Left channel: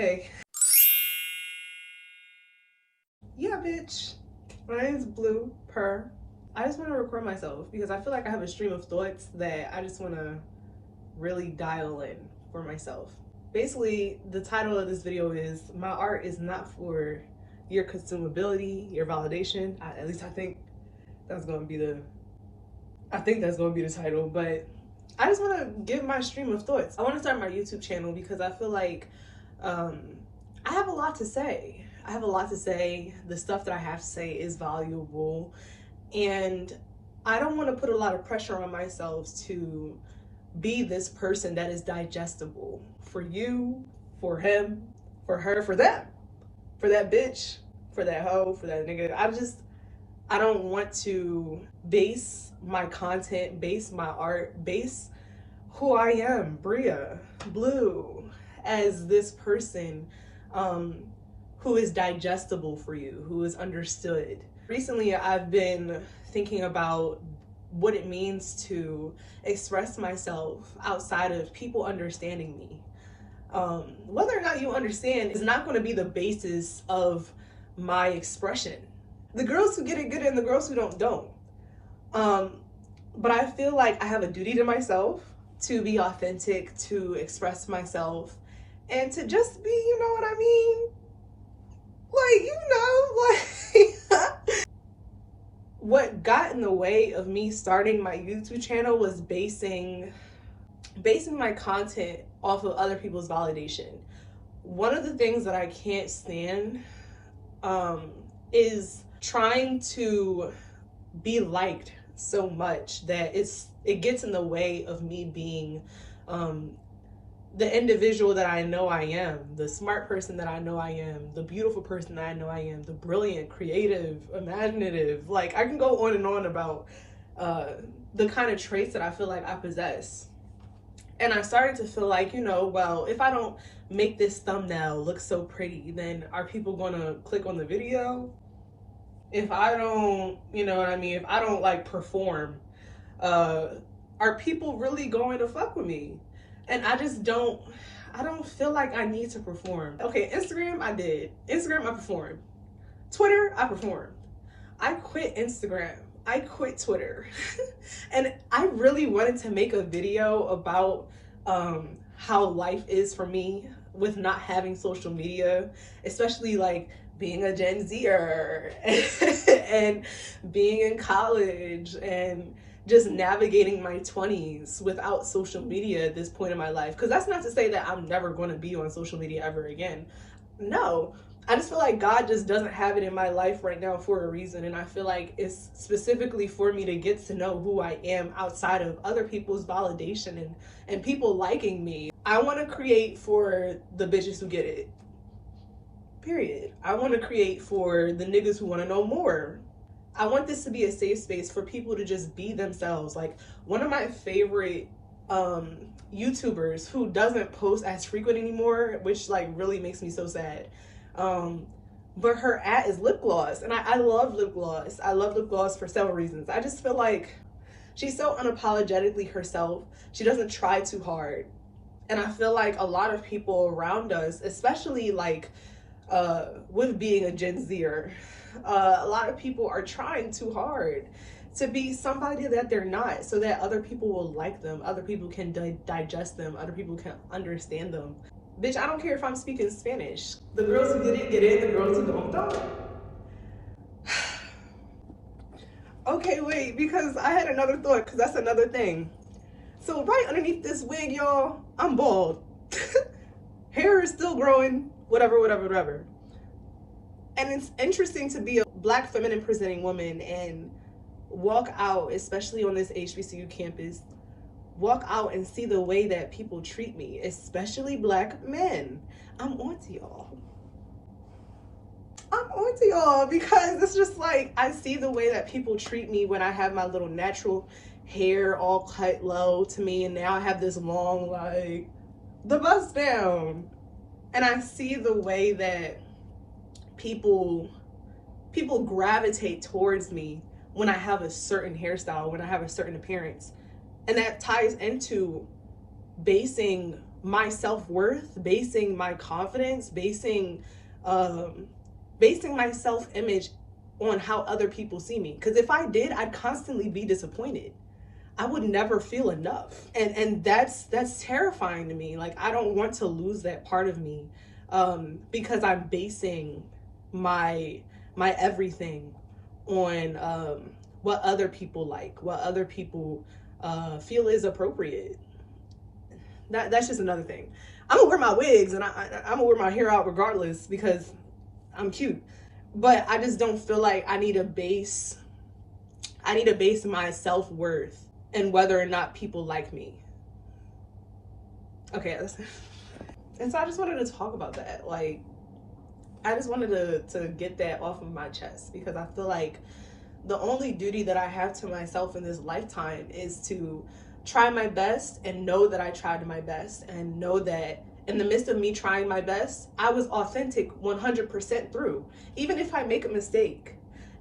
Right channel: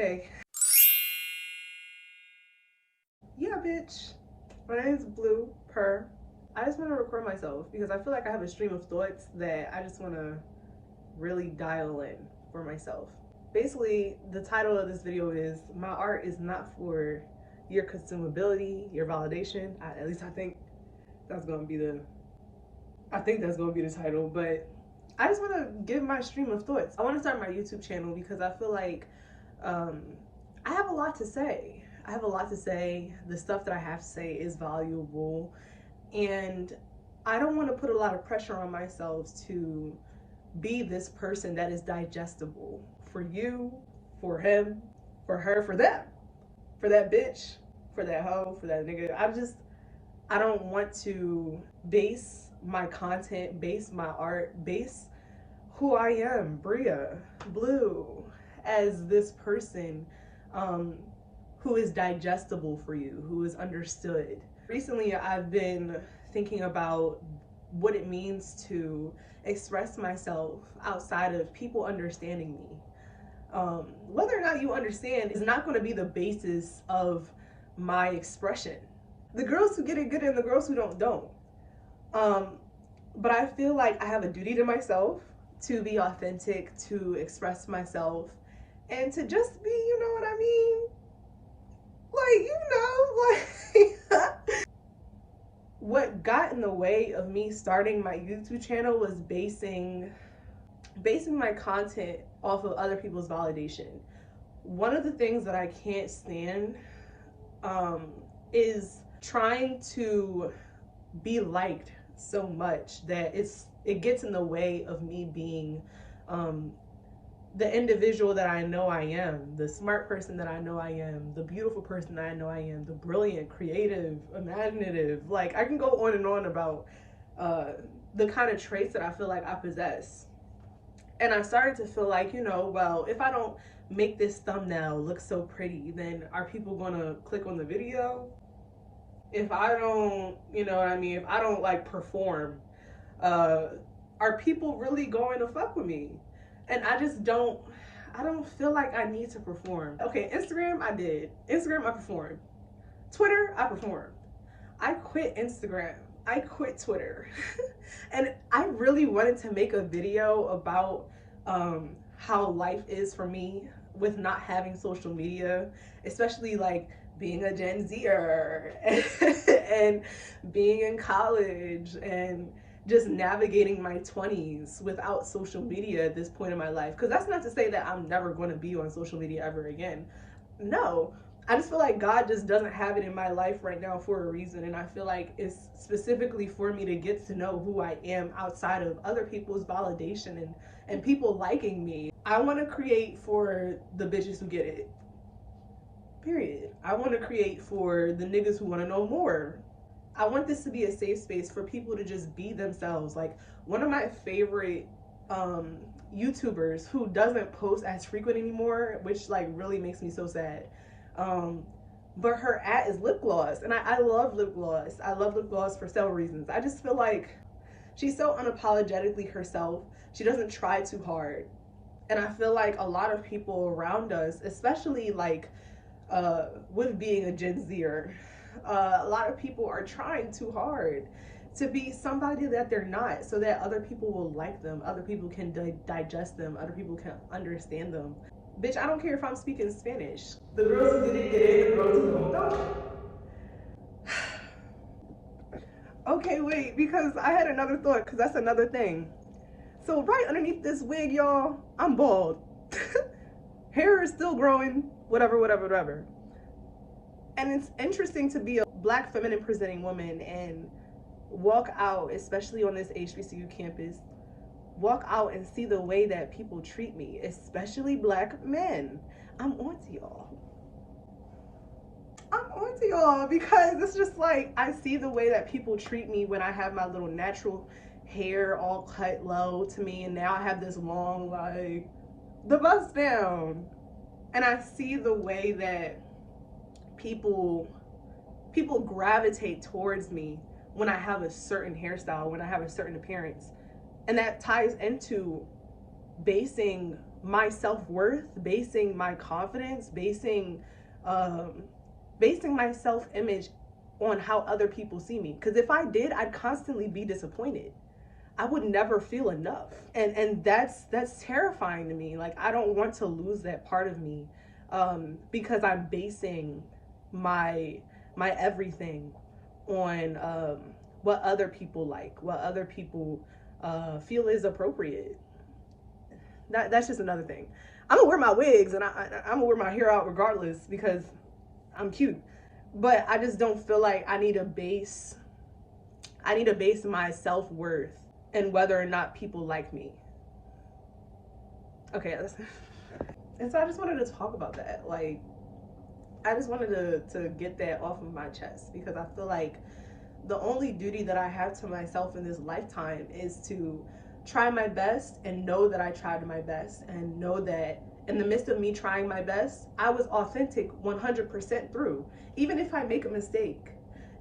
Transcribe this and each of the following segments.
Hey. Yeah, bitch. My name is Blue Per. I just want to record myself because I feel like I have a stream of thoughts that I just want to really dial in for myself. Basically, the title of this video is "My art is not for your consumability, your validation." At least I think that's going to be the title, but I just want to give my stream of thoughts. I want to start my YouTube channel because I feel like I have a lot to say. The stuff that I have to say is valuable, and I don't want to put a lot of pressure on myself to be this person that is digestible for you, for him, for her, for them, for that bitch, for that hoe, for that nigga. I don't want to base my content, base my art, base who I am, Bria, Blue, as this person who is digestible for you, who is understood. Recently, I've been thinking about what it means to express myself outside of people understanding me. Whether or not you understand is not going to be the basis of my expression. The girls who get it and the girls who don't. But I feel like I have a duty to myself to be authentic, to express myself, and to just be, you know what I mean? What got in the way of me starting my YouTube channel was basing my content off of other people's validation. One of the things that I can't stand is trying to be liked so much that it gets in the way of me being the individual that I know I am, the smart person that I know I am, the beautiful person that I know I am, the brilliant, creative, imaginative. Like, I can go on and on about the kind of traits that I feel like I possess. And I started to feel like, well, if I don't make this thumbnail look so pretty, then are people gonna click on the video? If I don't, you know what I mean, if I don't like perform, are people really going to fuck with me? And I don't feel like I need to perform. Okay, Instagram, I did. Instagram, I performed. Twitter, I performed. I quit Instagram. I quit Twitter. And I really wanted to make a video about how life is for me with not having social media, especially like being a Gen Zer and being in college and just navigating my 20s without social media at this point in my life. Because that's not to say that I'm never going to be on social media ever again. No, I just feel like God just doesn't have it in my life right now for a reason. And I feel like it's specifically for me to get to know who I am outside of other people's validation and people liking me. I want to create for the bitches who get it. Period. I want to create for the niggas who want to know more. I want this to be a safe space for people to just be themselves. Like, one of my favorite YouTubers who doesn't post as frequent anymore, which like really makes me so sad. But her is lip gloss, and I love lip gloss. I love lip gloss for several reasons. I just feel like she's so unapologetically herself. She doesn't try too hard. And I feel like a lot of people around us, especially like with being a Gen Zer, a lot of people are trying too hard to be somebody that they're not, so that other people will like them, other people can digest them, other people can understand them. Bitch, I don't care if I'm speaking Spanish. The girls who didn't get in, the girls who don't. Okay, wait, because I had another thought, because that's another thing. So right underneath this wig, y'all, I'm bald. Hair is still growing, whatever. And it's interesting to be a Black feminine presenting woman and walk out, especially on this HBCU campus, walk out and see the way that people treat me, especially Black men. I'm onto y'all. Because it's just like, I see the way that people treat me when I have my little natural hair all cut low to me, and now I have this long, like, the bust down. And I see the way that people gravitate towards me when I have a certain hairstyle, when I have a certain appearance. And that ties into basing my self-worth, basing my confidence, um basing my self-image on how other people see me. Because if I did, I'd constantly be disappointed. I would never feel enough. And that's terrifying to me. Like, I don't want to lose that part of me, because I'm basing my everything on what other people like, what other people feel is appropriate. That's just another thing. I'm gonna wear my wigs, and I'm gonna wear my hair out regardless because I'm cute. But I just don't feel like I need to base my self-worth and whether or not people like me. Okay, and so I just wanted to talk about that. Like, I just wanted to get that off of my chest, because I feel like the only duty that I have to myself in this lifetime is to try my best and know that I tried my best, and know that in the midst of me trying my best, I was authentic 100% through. Even if I make a mistake,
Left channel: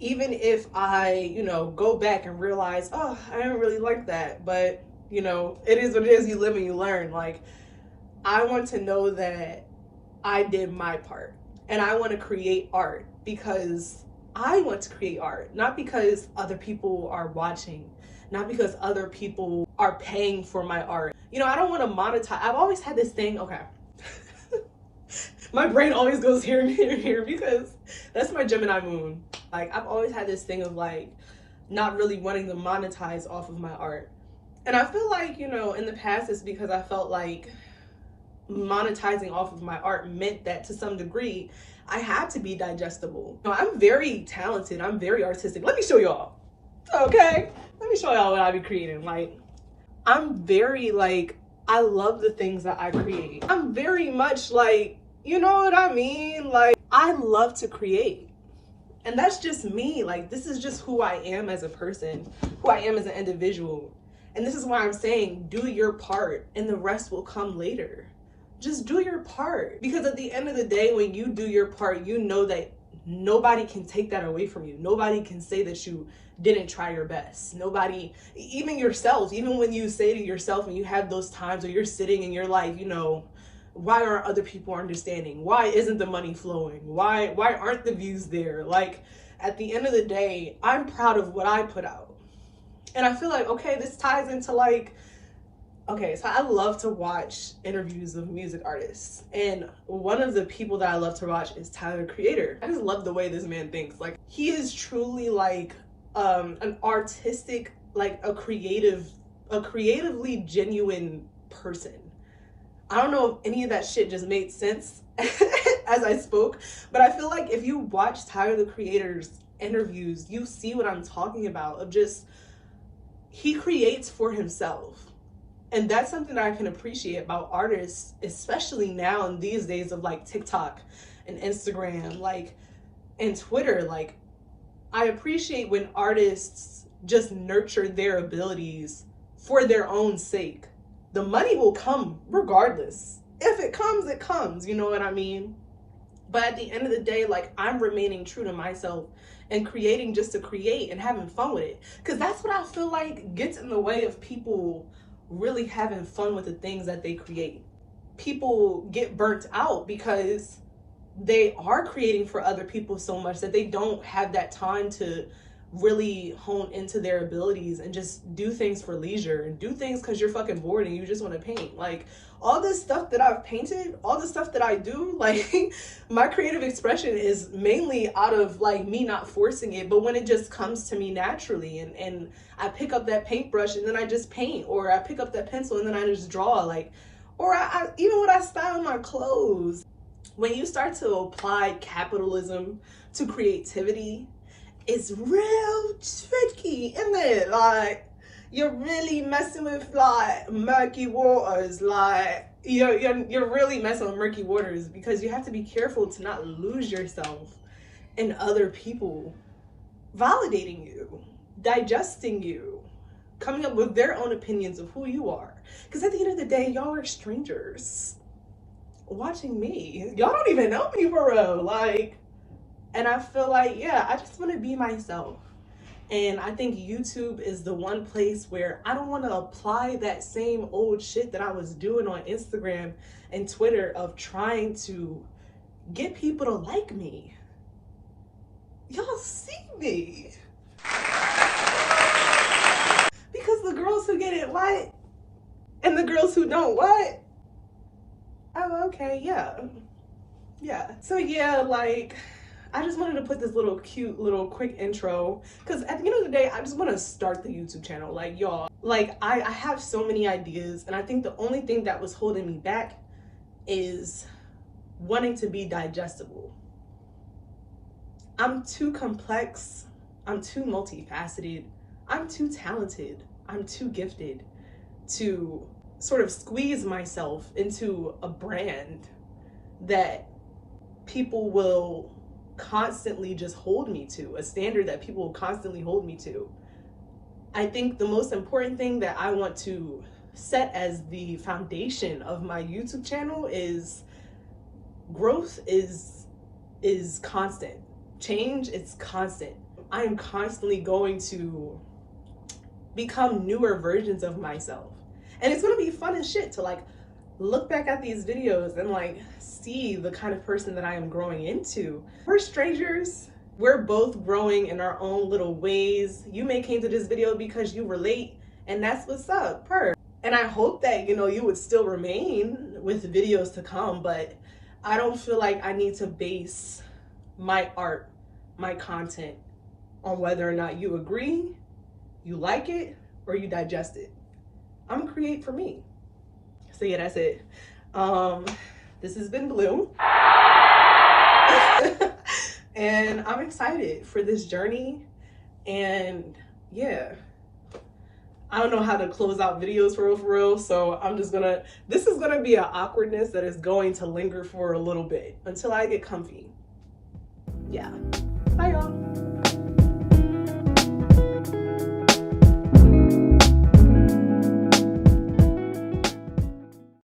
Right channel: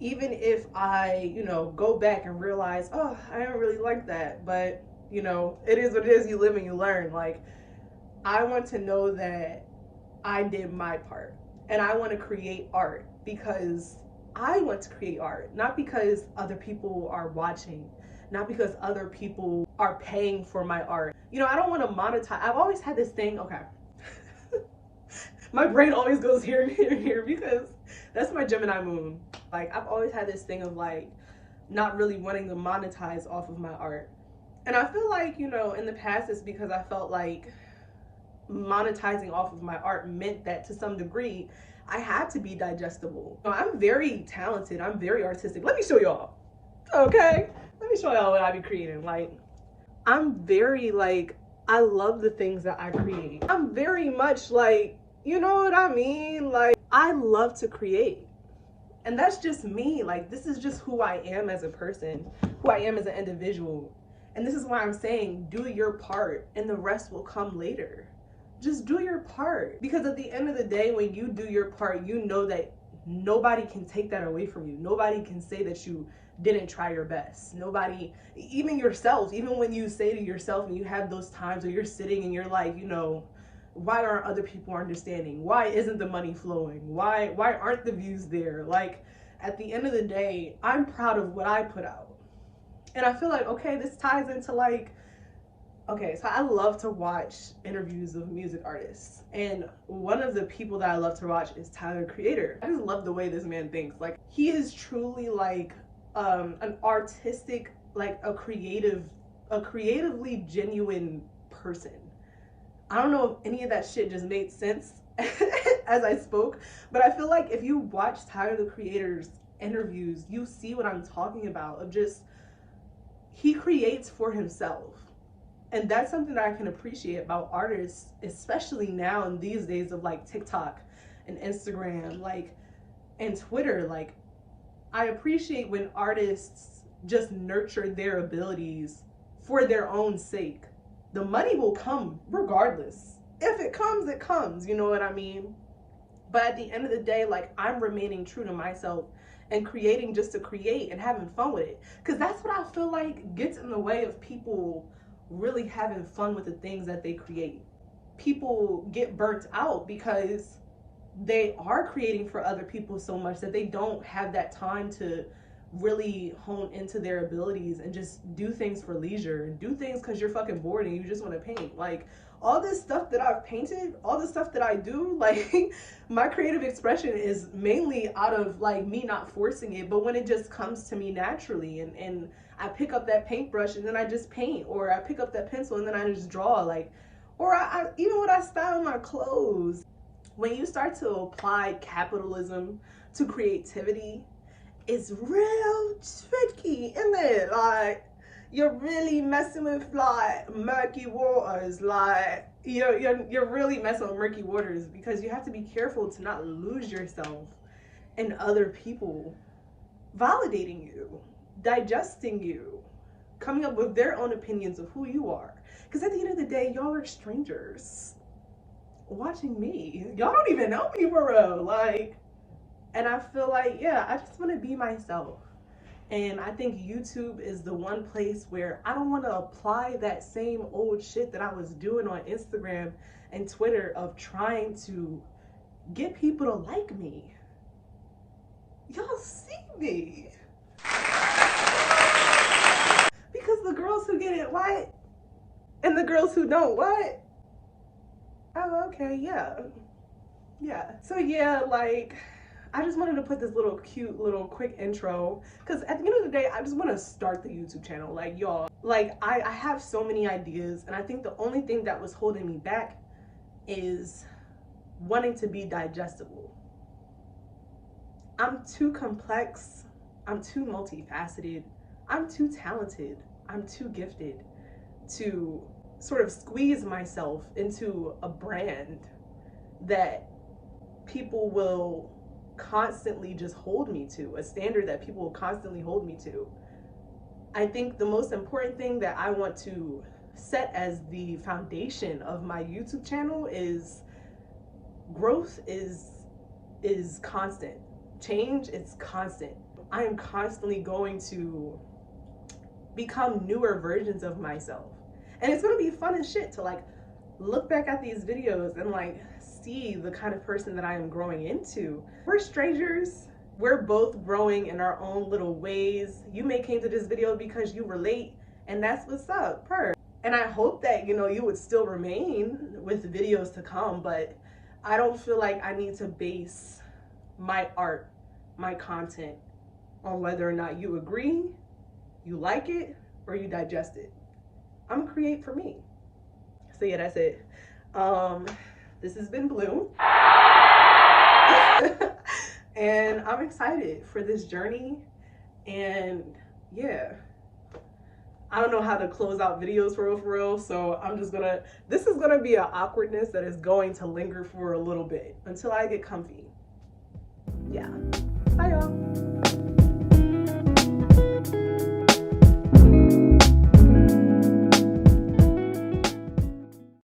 even if I, go back and realize, oh, I didn't really like that, but it is what it is. You live and you learn. Like, I want to know that I did my part, and I want to create art because I want to create art, not because other people are watching, not because other people are paying for my art. I don't want to monetize. I've always had this thing, okay. My brain always goes here and here and here because that's my Gemini moon. Like, I've always had this thing of like not really wanting to monetize off of my art. And I feel like, in the past it's because I felt like monetizing off of my art meant that to some degree I had to be digestible. I'm very talented. I'm very artistic. Let me show y'all. Okay? Let me show y'all what I be creating. Like, I'm very like, I love the things that I create. I'm very much like, you know what I mean? Like, I love to create. And that's just me. Like, this is just who I am as a person, who I am as an individual. And this is why I'm saying, do your part and the rest will come later. Just do your part. Because at the end of the day, when you do your part, you know that nobody can take that away from you. Nobody can say that you didn't try your best. Nobody, even yourself, even when you say to yourself and you have those times where you're sitting and you're like, why aren't other people understanding? Why isn't the money flowing? Why aren't the views there? Like, at the end of the day, I'm proud of what I put out. And I feel like, okay, this ties into like, okay, so I love to watch interviews of music artists. And one of the people that I love to watch is Tyler, the Creator. I just love the way this man thinks. Like, he is truly like an artistic, like a creatively genuine person. I don't know if any of that shit just made sense as I spoke, but I feel like if you watch Tyler, the Creator's interviews, you see what I'm talking about. Of just, he creates for himself. And that's something that I can appreciate about artists, especially now in these days of like TikTok and Instagram, like, and Twitter. Like, I appreciate when artists just nurture their abilities for their own sake. The money will come regardless. If it comes, it comes. You know what I mean? But at the end of the day, like, I'm remaining true to myself and creating just to create and having fun with it. Because that's what I feel like gets in the way of people really having fun with the things that they create. People get burnt out because they are creating for other people so much that they don't have that time to really hone into their abilities and just do things for leisure and do things because you're fucking bored and you just want to paint. Like, all this stuff that I've painted, all the stuff that I do, like, my creative expression is mainly out of like me not forcing it, but when it just comes to me naturally, and I pick up that paintbrush and then I just paint, or I pick up that pencil and then I just draw. Like, or I even when I style my clothes, when you start to apply capitalism to creativity, it's real tricky, isn't it? Like, you're really messing with like murky waters. Like, you're really messing with murky waters, because you have to be careful to not lose yourself in other people validating you, digesting you, coming up with their own opinions of who you are. Because at the end of the day, y'all are strangers watching me. Y'all don't even know me for real. Like, and I feel like, yeah, I just want to be myself. And I think YouTube is the one place where I don't want to apply that same old shit that I was doing on Instagram and Twitter of trying to get people to like me. Y'all see me. Because the girls who get it what? And the girls who don't what? Oh, okay, yeah. Yeah. So yeah, like, I just wanted to put this little cute little quick intro because at the end of the day, I just want to start the YouTube channel. Like, y'all, like I have so many ideas, and I think the only thing that was holding me back is wanting to be digestible. I'm too complex, I'm too multifaceted, I'm too talented, I'm too gifted to sort of squeeze myself into a brand that people will constantly just hold me to, a standard that people will constantly hold me to. I think the most important thing that I want to set as the foundation of my YouTube channel is growth is constant. Change is constant. I am constantly going to become newer versions of myself. And it's gonna be fun as shit to like look back at these videos and like see the kind of person that I am growing into. We're strangers. We're both growing in our own little ways. You may came to this video because you relate, and that's what's up. And I hope that, you know, you would still remain with videos to come, but I don't feel like I need to base my art, my content on whether or not you agree, you like it, or you digest it. I'm gonna create for me. So yeah, that's it. This has been Blue. And I'm excited for this journey. And yeah, I don't know how to close out videos for real. So I'm just gonna, this is gonna be an awkwardness that is going to linger for a little bit until I get comfy. Yeah, bye y'all.